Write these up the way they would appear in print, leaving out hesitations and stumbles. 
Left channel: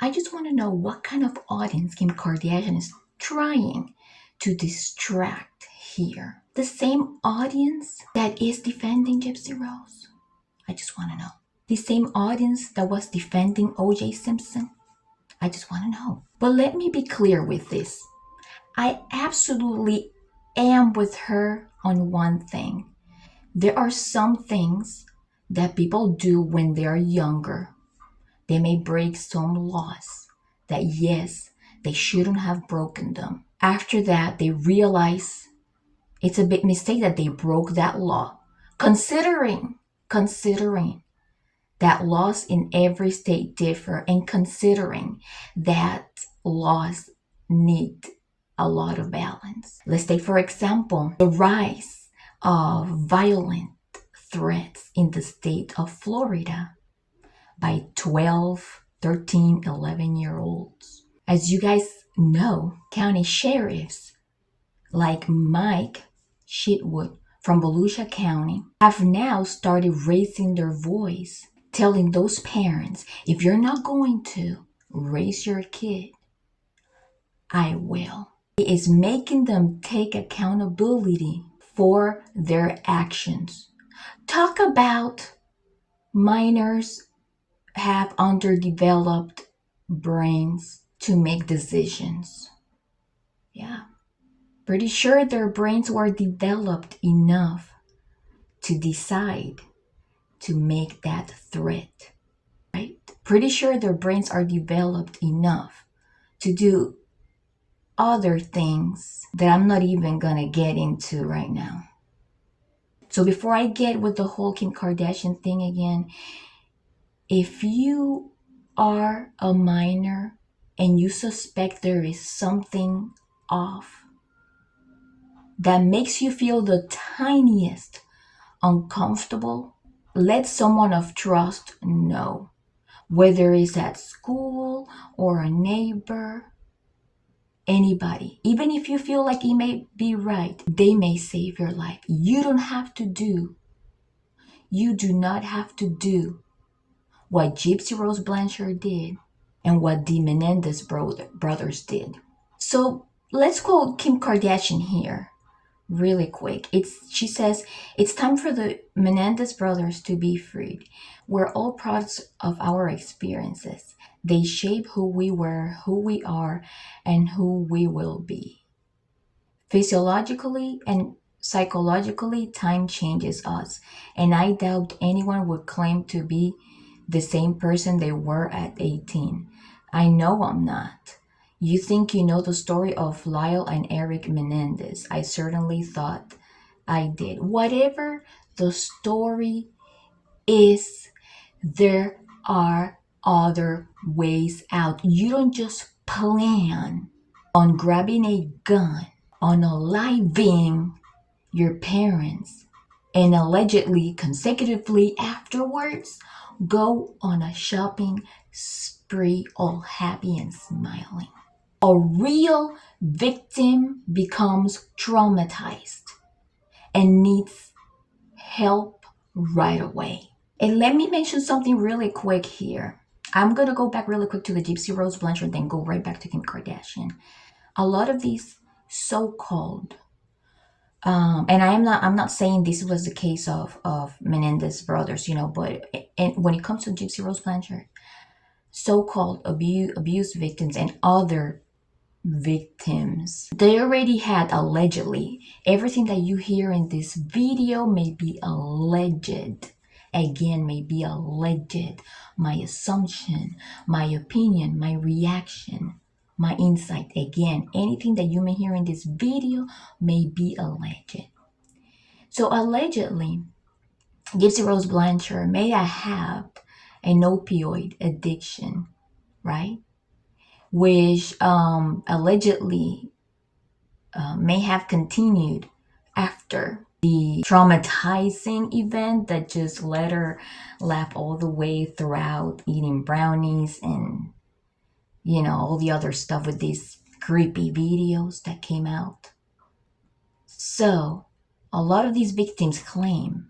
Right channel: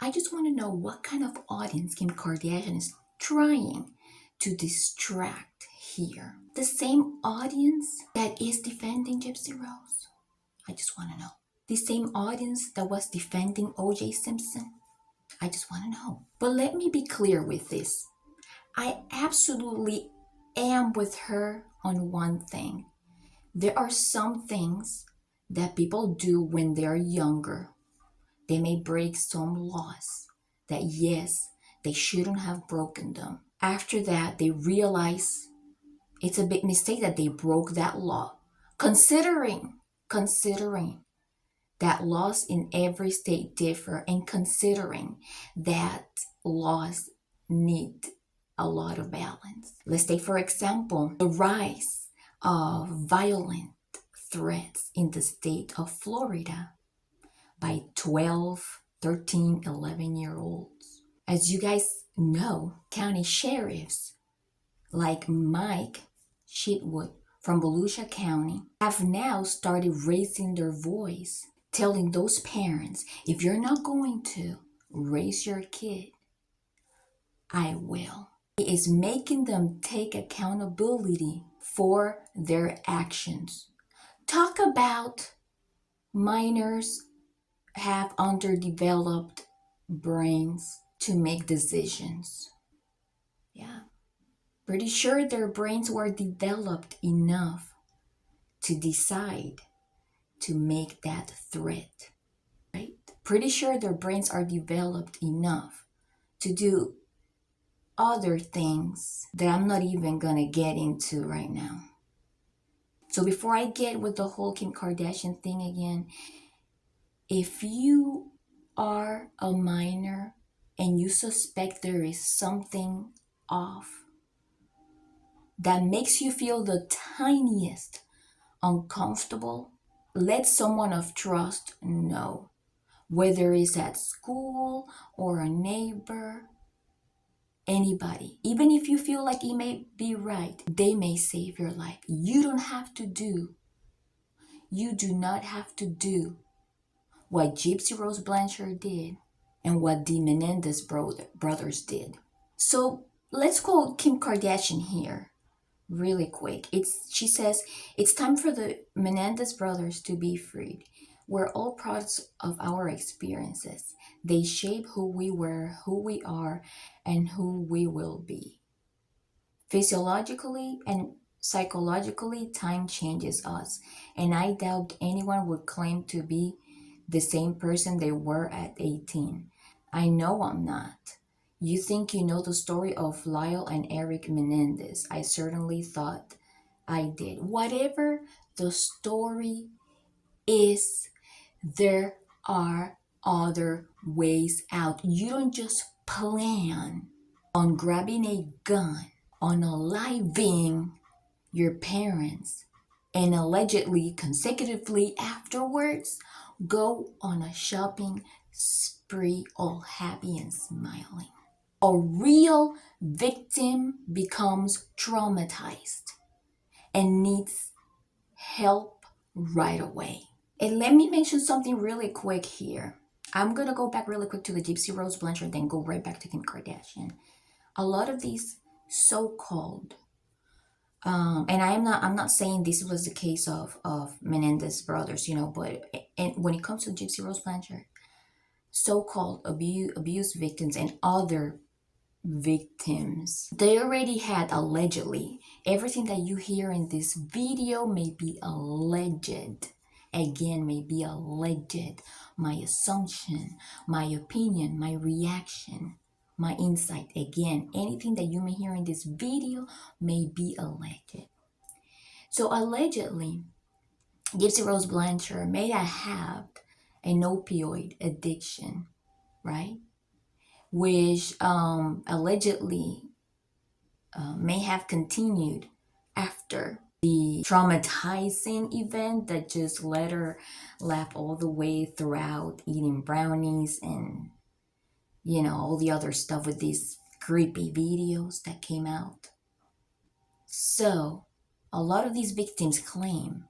I just want to know what kind of audience Kim Kardashian is trying to distract here. The same audience that is defending Gypsy Rose? I just want to know. The same audience that was defending OJ Simpson? I just want to know. But let me be clear with this. I absolutely am with her on one thing. There are some things that people do when they're younger. They may break some laws that, yes, they shouldn't have broken them. After that, they realize it's a big mistake that they broke that law. Considering that laws in every state differ, and considering that laws need a lot of balance. Let's take, for example, the rise of violent threats in the state of Florida by 12, 13, 11-year-olds. As you guys know, county sheriffs like Mike Shitwood from Volusia County have now started raising their voice, telling those parents, if you're not going to raise your kid, I will. It is making them take accountability for their actions. Talk about minors have underdeveloped brains to make decisions. Yeah. Pretty sure their brains were developed enough to decide to make that threat, right? Pretty sure their brains are developed enough to do other things that I'm not even gonna get into right now. So before I get with the whole Kim Kardashian thing again, if you are a minor and you suspect there is something off that makes you feel the tiniest uncomfortable, let someone of trust know, whether it's at school or a neighbor, anybody. Even if you feel like it may be right, they may save your life. You do not have to do what Gypsy Rose Blanchard did and what the Menendez brothers did. So let's quote Kim Kardashian here really quick. She says, it's time for the Menendez brothers to be freed. We're all products of our experiences. They shape who we were, who we are, and who we will be. Physiologically and psychologically, time changes us, and I doubt anyone would claim to be the same person they were at 18. I know I'm not. You think you know the story of Lyle and Eric Menendez. I certainly thought I did. Whatever the story is, there are other ways out. You don't just plan on grabbing a gun, unaliving your parents, and allegedly consecutively afterwards go on a shopping spree all happy and smiling. A real victim becomes traumatized and needs help right away. And let me mention something really quick here. I'm going to go back really quick to the Gypsy Rose Blanchard, then go right back to Kim Kardashian. A lot of these so-called and I'm not saying this was the case of Menendez brothers, but and when it comes to Gypsy Rose Blanchard, so-called abuse victims and other victims, they already had allegedly. Everything that you hear in this video may be alleged. Again, may be alleged. My assumption, my opinion, my reaction, my insight. Again, anything that you may hear in this video may be alleged. So allegedly, Gypsy Rose Blanchard may have an opioid addiction, right? Which allegedly may have continued after the traumatizing event that just let her laugh all the way throughout, eating brownies and all the other stuff with these creepy videos that came out. So a lot of these victims claim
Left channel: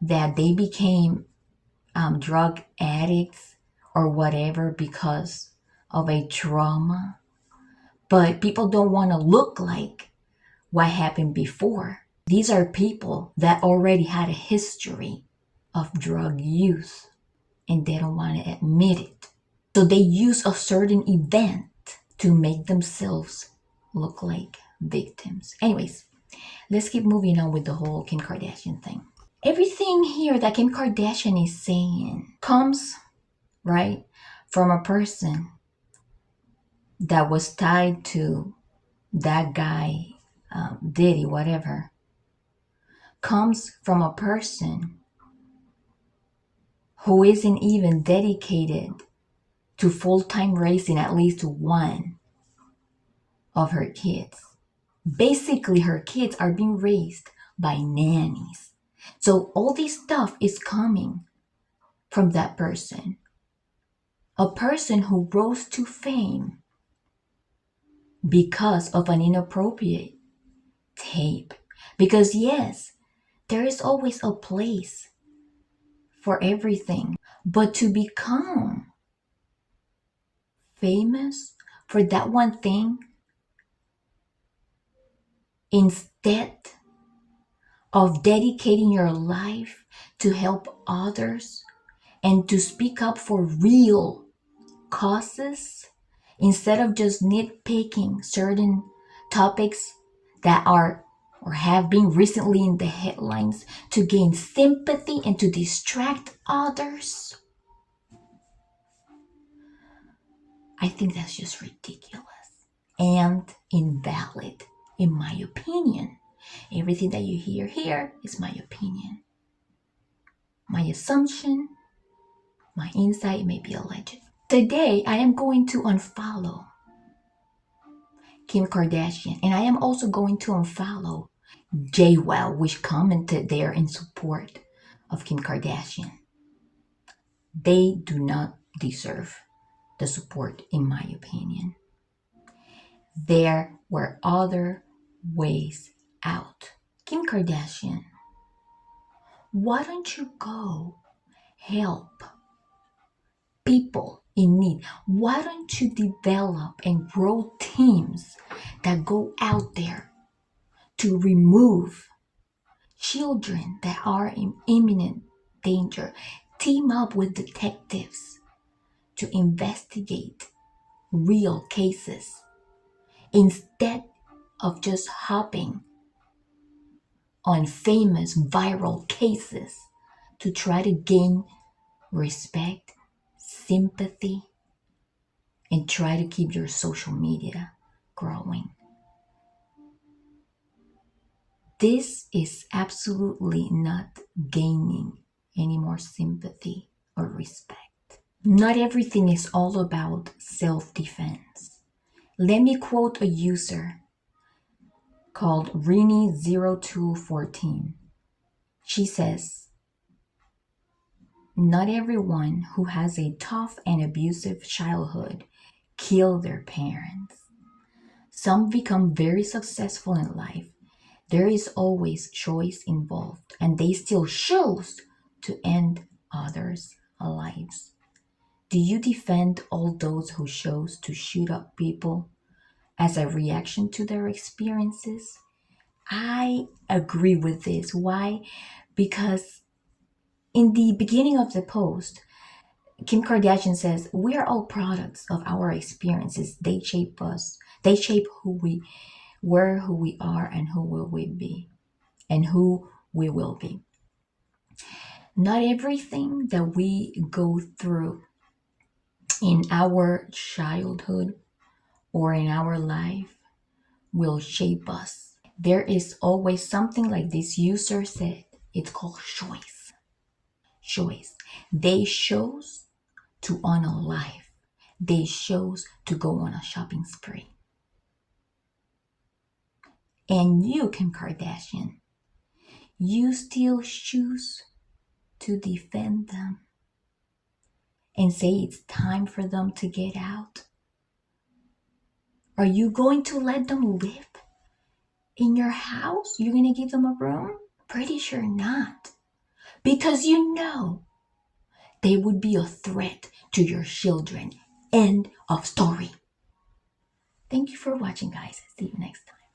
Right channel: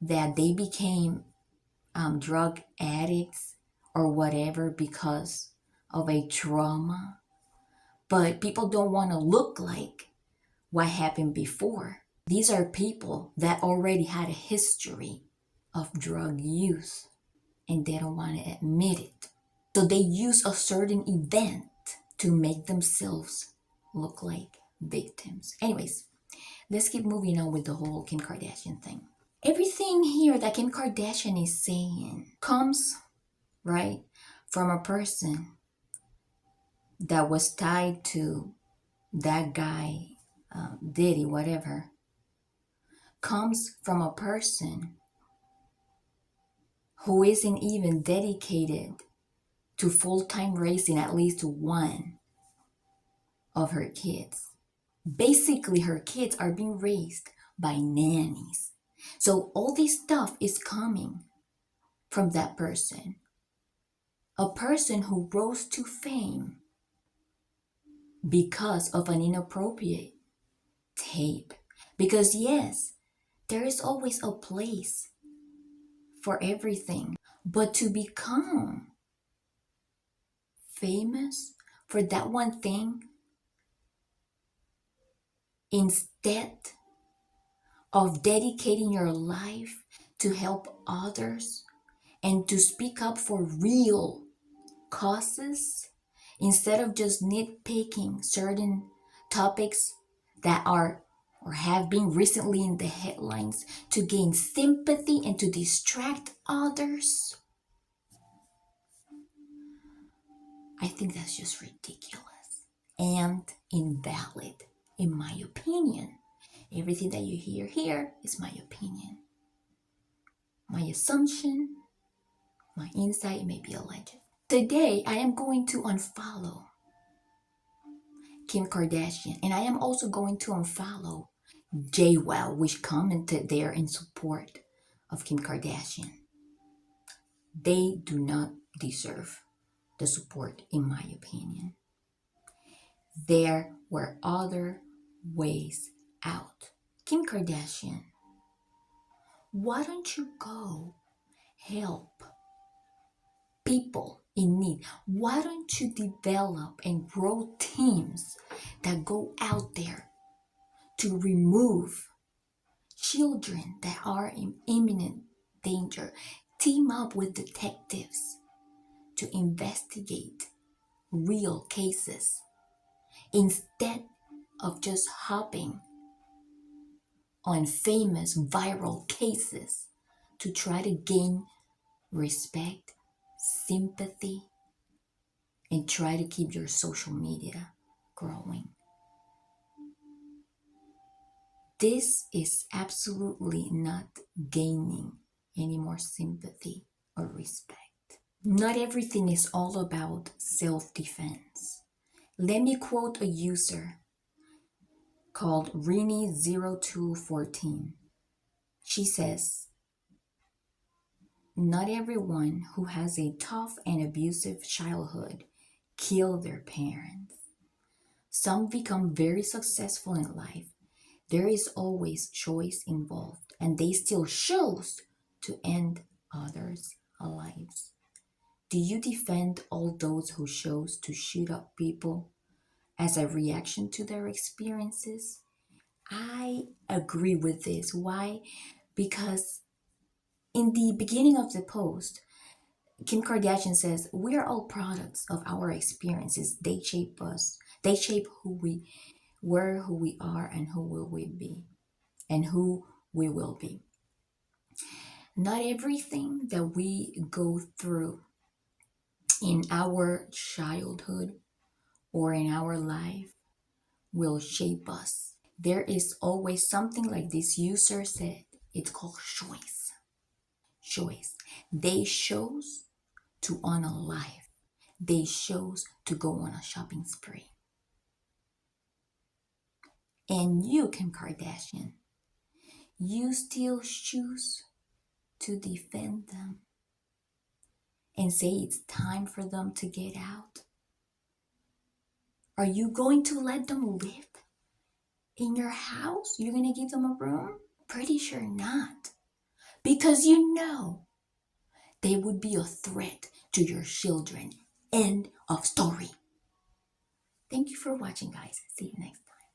that they became drug addicts or whatever because of a trauma. But people don't want to look like what happened before. These are people that already had a history of drug use and they don't want to admit it. So they use a certain event to make themselves look like victims. Anyways, let's keep moving on with the whole Kim Kardashian thing. Everything here that Kim Kardashian is saying comes, right, from a person that was tied to that guy, Diddy, whatever, comes from a person who isn't even dedicated to full-time raising at least one of her kids. Basically, her kids are being raised by nannies. So all this stuff is coming from that person. A person who rose to fame because of an inappropriate tape. Because yes, there is always a place for everything. But to become famous for that one thing instead of dedicating your life to help others and to speak up for real causes instead of just nitpicking certain topics that are or have been recently in the headlines to gain sympathy and to distract others. I think that's just ridiculous and invalid, in my opinion. Everything that you hear here is my opinion. My assumption, my insight may be alleged. Today, I am going to unfollow Kim Kardashian, and I am also going to unfollow JWoww, which commented there in support of Kim Kardashian. They do not deserve the support, in my opinion. There were other ways out. Kim Kardashian, why don't you go help people in need? Why don't you develop and grow teams that go out there to remove children that are in imminent danger? Team up with detectives to investigate real cases instead of just hopping on famous viral cases to try to gain respect, sympathy, and try to keep your social media growing. This is absolutely not gaining any more sympathy or respect. Not everything is all about self-defense. Let me quote a user called Rini0214. She says, not everyone who has a tough and abusive childhood kill their parents. Some become very successful in life. There is always choice involved, and they still choose to end others' lives. Do you defend all those who chose to shoot up people as a reaction to their experiences? I agree with this. Why? Because in the beginning of the post, Kim Kardashian says, we are all products of our experiences. They shape us. They shape who we were, who we are, and who will we be, and who we will be. Not everything that we go through in our childhood or in our life will shape us. There is always something, like this user said, it's called choice. Choice. They chose to own a life. They chose to go on a shopping spree. And you, Kim Kardashian, you still choose to defend them and say it's time for them to get out? Are you going to let them live in your house? You're going to give them a room? Pretty sure not. Because you know They would be a threat to your children. End of story. Thank you for watching, guys. See you next time.